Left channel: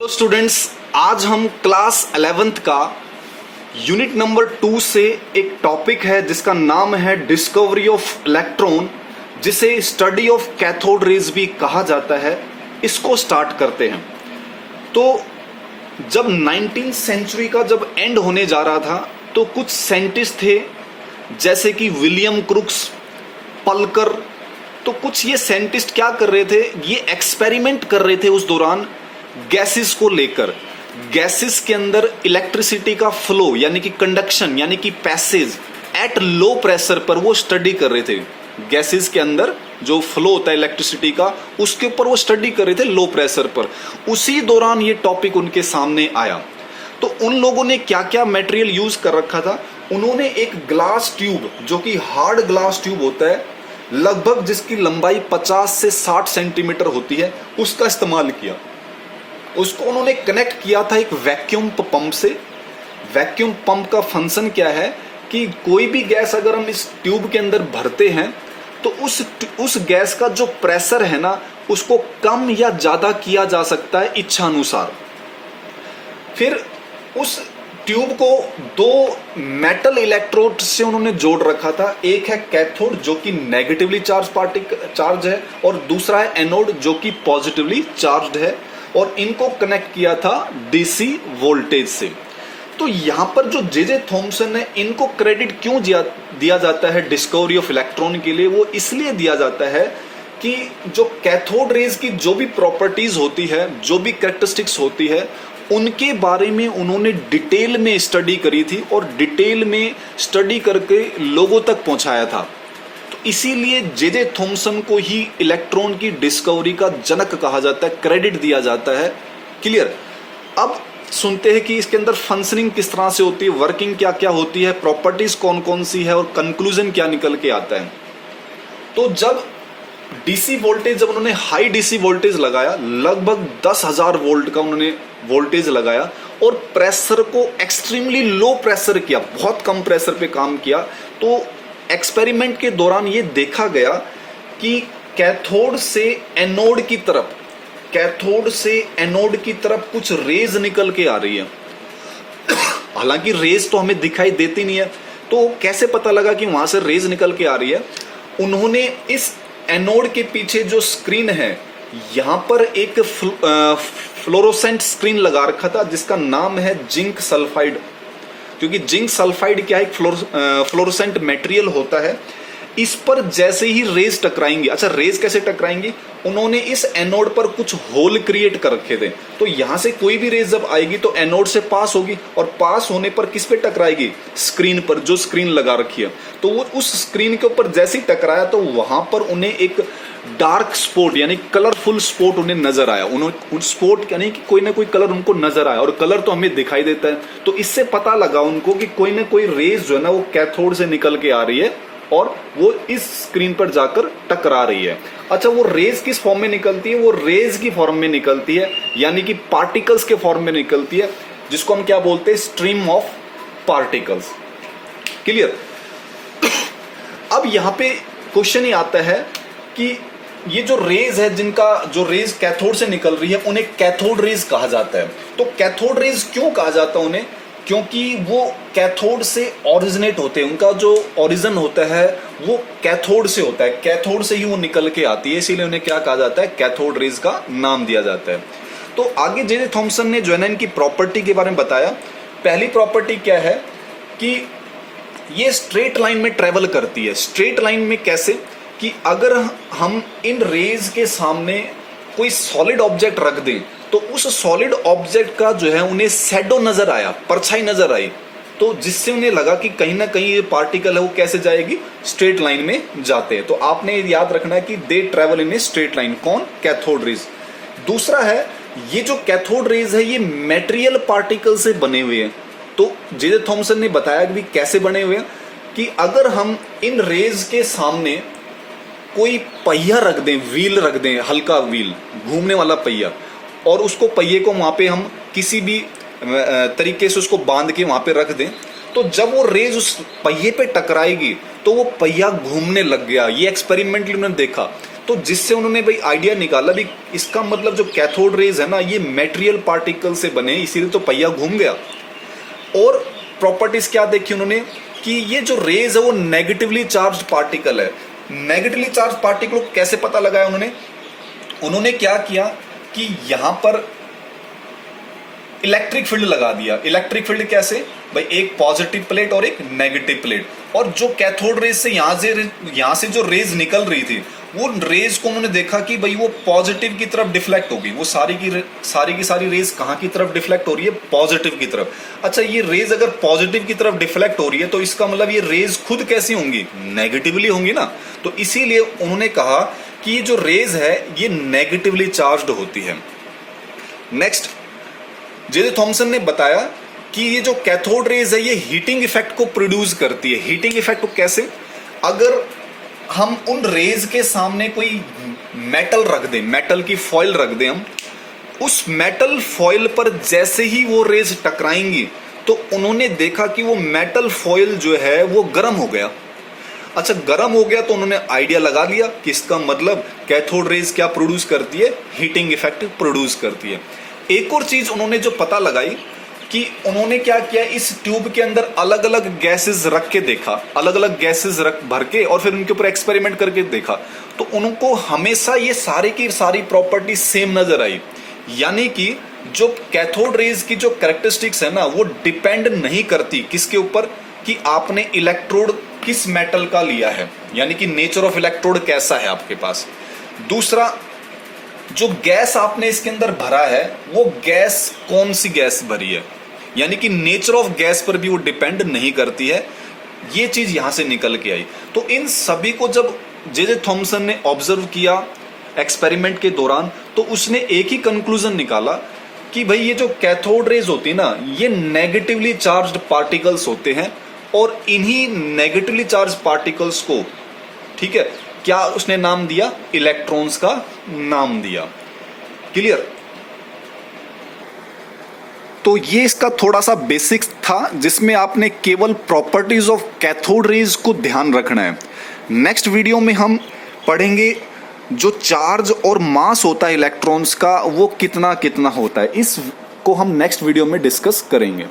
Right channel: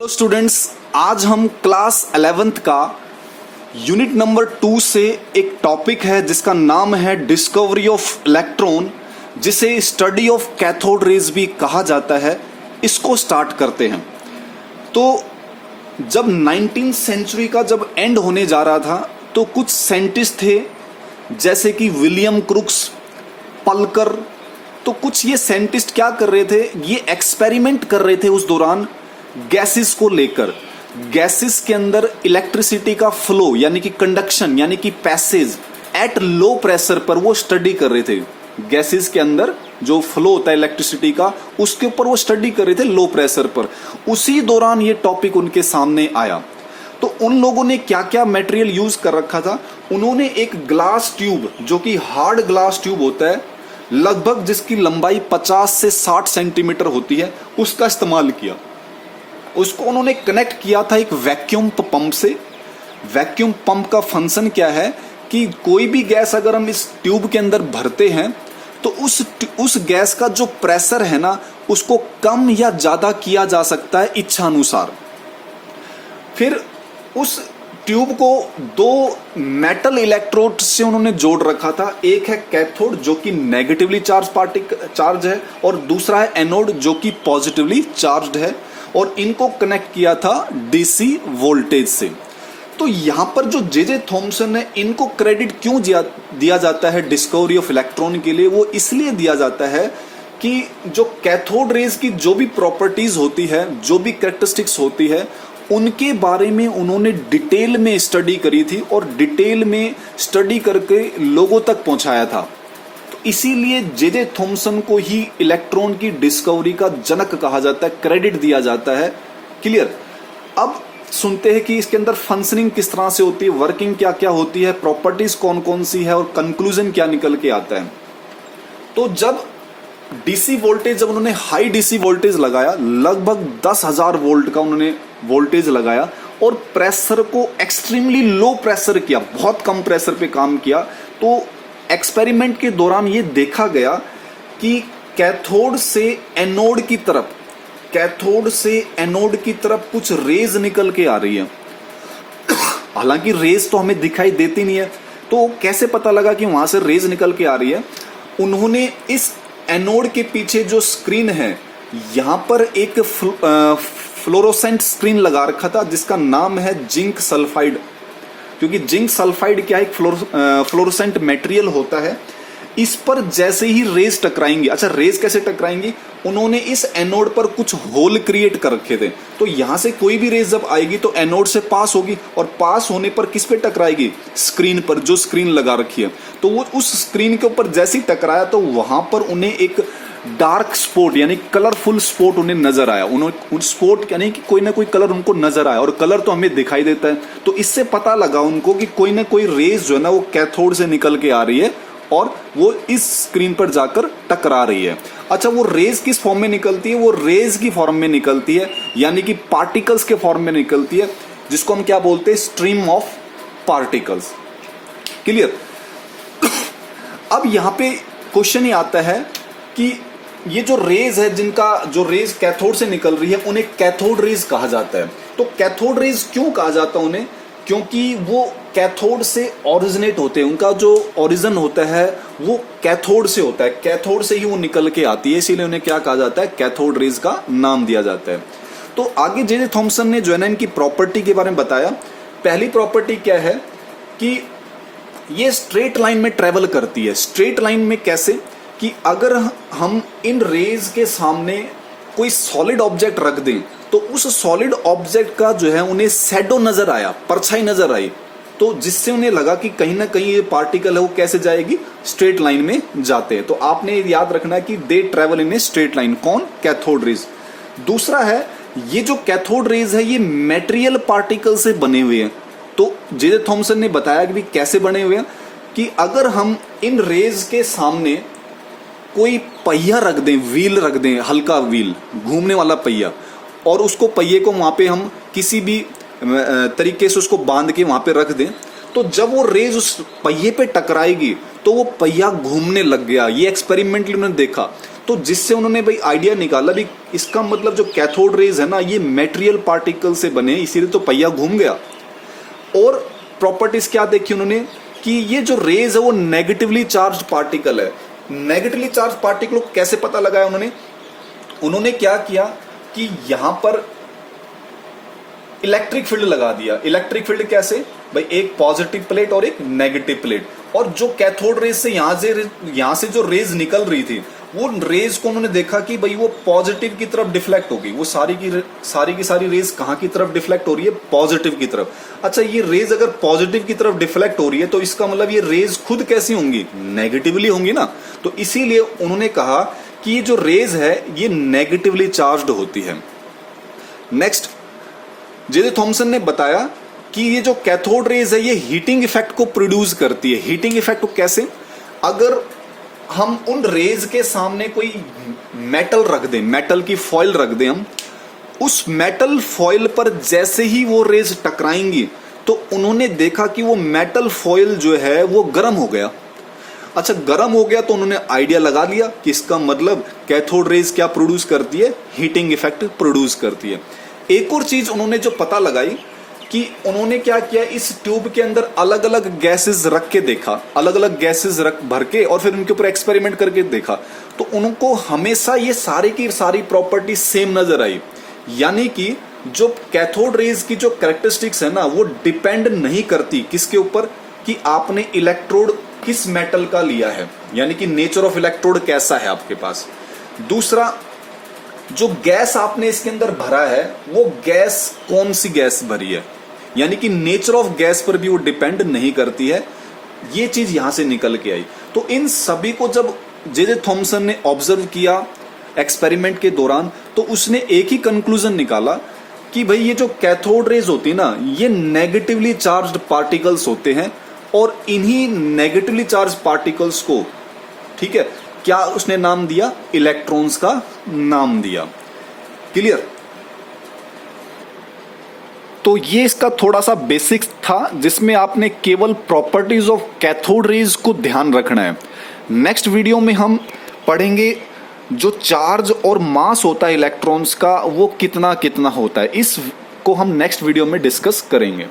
Hello students, आज हम class 11th का यूनिट नंबर 2 से एक टॉपिक है जिसका नाम है डिस्कवरी ऑफ इलेक्ट्रॉन, जिसे स्टडी ऑफ कैथोड रेज भी कहा जाता है। इसको स्टार्ट करते हैं। तो जब 19th सेंचुरी का जब एंड होने जा रहा था तो कुछ साइंटिस्ट थे जैसे कि विलियम क्रुक्स, पल्कर। तो कुछ ये साइंटिस्ट क्या कर रहे थे, ये एक्सपेरिमेंट कर रहे थे उस दौरान गैसेस को लेकर। गैसेस के अंदर इलेक्ट्रिसिटी का फ्लो यानी कि कंडक्शन यानी कि पैसेज एट लो प्रेशर पर वो स्टडी कर रहे थे। गैसेस के अंदर जो फ्लो होता है इलेक्ट्रिसिटी का, उसके ऊपर वो स्टडी कर रहे थे लो प्रेशर पर। उसी दौरान ये टॉपिक उनके सामने आया। तो उन लोगों ने क्या क्या मटेरियल यूज कर रखा था, उन्होंने एक ग्लास ट्यूब जो कि हार्ड ग्लास ट्यूब होता है, लगभग जिसकी लंबाई 50 से 60 सेंटीमीटर होती है, उसका इस्तेमाल किया। उसको उन्होंने कनेक्ट किया था एक वैक्यूम पंप से। वैक्यूम पंप का फंक्शन क्या है कि कोई भी गैस अगर हम इस ट्यूब के अंदर भरते हैं तो उस गैस का जो प्रेशर है ना, उसको कम या ज्यादा किया जा सकता है इच्छा अनुसार। फिर उस ट्यूब को दो मेटल इलेक्ट्रोड से उन्होंने जोड़ रखा था। एक है कैथोड जो कि नेगेटिवली चार्ज है, और दूसरा है एनोड जो कि पॉजिटिवली चार्ज्ड है, और इनको कनेक्ट किया था डीसी वोल्टेज से। तो यहां पर जो जे थॉमसन है, इनको क्रेडिट क्यों दिया जाता है डिस्कवरी ऑफ इलेक्ट्रॉन के लिए, वो इसलिए दिया जाता है कि जो कैथोड रेज की जो भी प्रॉपर्टीज होती है, जो भी कैरेक्टरिस्टिक्स होती है, उनके बारे में उन्होंने डिटेल में स्टडी करी थी और डिटेल में स्टडी करके लोगों तक पहुंचाया था। इसीलिए जे थॉमसन को ही इलेक्ट्रॉन की डिस्कवरी का जनक कहा जाता है, क्रेडिट दिया जाता है। क्लियर। अब सुनते हैं कि इसके अंदर फंक्शनिंग किस तरह से होती है, वर्किंग क्या क्या होती है, प्रॉपर्टीज कौन कौन सी है, और कंक्लूजन क्या निकल के आता है। तो जब डीसी वोल्टेज, जब उन्होंने हाई डीसी वोल्टेज लगाया, लगभग 10,000 वोल्ट का उन्होंने वोल्टेज लगाया, और प्रेशर को एक्सट्रीमली लो प्रेशर किया, बहुत कम प्रेशर पे काम किया, तो एक्सपेरिमेंट के दौरान ये देखा गया कि कैथोड से एनोड की तरफ कुछ रेज निकल के आ रही है। हालांकि रेज तो हमें दिखाई देती नहीं है, तो कैसे पता लगा कि वहां से रेज निकल के आ रही है। उन्होंने इस एनोड के पीछे जो स्क्रीन है, यहां पर एक फ्लोरोसेंट स्क्रीन लगा रखा था जिसका नाम है जिंक सल्फाइड। क्योंकि जिंक सल्फाइड क्या है, एक फ्लोरोसेंट मटेरियल होता है। इस पर जैसे ही रेज टकराएंगे, अच्छा रेज कैसे टकराएंगी, उन्होंने इस एनोड पर कुछ होल क्रिएट कर रखे थे। तो यहां से कोई भी रेज जब आएगी तो एनोड से पास होगी, और पास होने पर किस पे टकराएगी, स्क्रीन पर, जो स्क्रीन लगा रखी है। तो वो उस स्क्रीन के ऊपर जैसे ही टकराया तो वहां पर उन्हें एक डार्क स्पॉट यानी कलरफुल स्पॉट उन्हें नजर आया। उन स्पॉट यानी कि कोई ना कोई कलर उनको नजर आया, और कलर तो हमें दिखाई देता है। तो इससे पता लगा उनको कि कोई ना कोई रेज जो है ना, वो कैथोड से निकल के आ रही है और वो इस स्क्रीन पर जाकर टकरा रही है। अच्छा, वो रेज किस फॉर्म में निकलती है, वो रेज की फॉर्म में निकलती है, यानी कि पार्टिकल्स के फॉर्म में निकलती है, जिसको हम क्या बोलते हैं, स्ट्रीम ऑफ पार्टिकल्स। क्लियर। अब यहां पे क्वेश्चन ही आता है कि ये जो रेज है, जिनका जो रेज कैथोड से निकल रही है, उन्हें कैथोड रेज कहा जाता है। तो कैथोड रेज क्यों कहा जाता है उन्हें, क्योंकि वो कैथोड से ओरिजिनेट होते हैं, उनका जो ओरिजिन होता है वो कैथोड से होता है, कैथोड से ही वो निकल के आती है, इसीलिए उन्हें क्या कहा जाता है, कैथोड रेज का नाम दिया जाता है। तो आगे जे थॉमसन ने जो है ना इनकी प्रॉपर्टी के बारे में बताया। पहली प्रॉपर्टी क्या है कि ये स्ट्रेट लाइन में ट्रेवल करती है। स्ट्रेट लाइन में कैसे, कि अगर हम इन रेज के सामने कोई सॉलिड ऑब्जेक्ट रख दें तो उस सॉलिड ऑब्जेक्ट का जो है उन्हें शैडो नजर आया, परछाई नजर आई, तो जिससे उन्हें लगा कि कहीं ना कहीं ये पार्टिकल है वो कैसे जाएगी, स्ट्रेट लाइन में जाते हैं। तो आपने याद रखना है कि they travel in a straight line. कौन, कैथोड रेज। दूसरा है, ये जो कैथोड रेज है ये मेटेरियल पार्टिकल से बने हुए हैं। तो जे थॉमसन ने बताया कि कैसे बने हुए हैं, कि अगर हम इन रेज के सामने कोई पहिया रख दें, व्हील रख दें, हल्का व्हील, घूमने वाला पहिया, और उसको पहिए को वहां पे हम किसी भी तरीके से उसको बांध के वहां पे रख दें, तो जब वो रेज उस पहिए पे टकराएगी तो वो पहिया घूमने लग गया। ये एक्सपेरिमेंटली उन्होंने देखा। तो जिससे उन्होंने भाई आइडिया निकाला भी इसका मतलब जो कैथोड रेज है ना ये मेटेरियल पार्टिकल से बने, इसीलिए तो पहिया घूम गया। और प्रॉपर्टीज क्या देखी उन्होंने कि ये जो रेज है वो नेगेटिवली चार्ज्ड पार्टिकल है। नेगेटिवली चार्ज पार्टिकल को कैसे पता लगाया उन्होंने क्या किया कि यहां पर इलेक्ट्रिक फील्ड लगा दिया। इलेक्ट्रिक फील्ड कैसे भाई, एक पॉजिटिव प्लेट और एक नेगेटिव प्लेट, और जो कैथोड रेज से यहां से जो रेज निकल रही थी वो रेज को उन्होंने देखा कि भाई वो पॉजिटिव की तरफ डिफ्लेक्ट होगी। वो सारी की सारी रेज कहां की तरफ डिफ्लेक्ट हो रही है, पॉजिटिव की तरफ। अच्छा, ये रेज अगर पॉजिटिव की तरफ डिफ्लेक्ट हो रही है तो इसका मतलब ये रेज खुद कैसी होंगी, नेगेटिवली होंगी ना। तो इसीलिए उन्होंने कहा कि ये जो रेज है ये नेगेटिवली चार्ज्ड होती है। नेक्स्ट, जे थॉमसन ने बताया कि ये जो कैथोड रेज है ये हीटिंग इफेक्ट को प्रोड्यूस करती है। हीटिंग इफेक्ट को कैसे, अगर हम उन रेज के सामने कोई मेटल रख दें, मेटल की फॉइल रख दें, हम उस मेटल फॉइल पर जैसे ही वो रेज टकराएंगी तो उन्होंने देखा कि वो मेटल फॉइल जो है वो गर्म हो गया। अच्छा, गर्म हो गया तो उन्होंने आइडिया लगा लिया कि इसका मतलब कैथोड रेज क्या प्रोड्यूस करती है, हीटिंग इफेक्ट प्रोड्यूस करती है। एक और चीज उन्होंने जो पता लगाई कि उन्होंने क्या किया, इस ट्यूब के अंदर अलग अलग गैसेस रख के देखा, अलग अलग गैसेस भर के और फिर उनके ऊपर एक्सपेरिमेंट करके देखा, तो उनको हमेशा ये सारी की सारी प्रॉपर्टी सेम नजर आई। यानी कि जो कैथोड रेज की जो कैरेक्टरिस्टिक्स है ना वो डिपेंड नहीं करती किसके ऊपर, कि आपने इलेक्ट्रोड किस मेटल का लिया है, यानी कि नेचर ऑफ इलेक्ट्रोड कैसा है आपके पास। दूसरा, जो गैस आपने इसके अंदर भरा है वो गैस कौन सी गैस भरी है, यानी कि नेचर ऑफ गैस पर भी वो डिपेंड नहीं करती है। ये चीज यहां से निकल के आई। तो इन सभी को जब जे थॉमसन ने ऑब्जर्व किया एक्सपेरिमेंट के दौरान तो उसने एक ही कंक्लूजन निकाला कि भाई ये जो कैथोड रेज होती है ना ये नेगेटिवली चार्ज्ड पार्टिकल्स होते हैं, और इन्हीं नेगेटिवली चार्ज पार्टिकल्स को, ठीक है, क्या उसने नाम दिया, इलेक्ट्रॉन्स का नाम दिया। क्लियर। तो ये इसका थोड़ा सा बेसिक्स था जिसमें आपने केवल प्रॉपर्टीज ऑफ कैथोड रेज को ध्यान रखना है। नेक्स्ट वीडियो में हम पढ़ेंगे जो चार्ज और मास होता है इलेक्ट्रॉन्स का वो कितना कितना होता है, इस को हम नेक्स्ट वीडियो में डिस्कस करेंगे।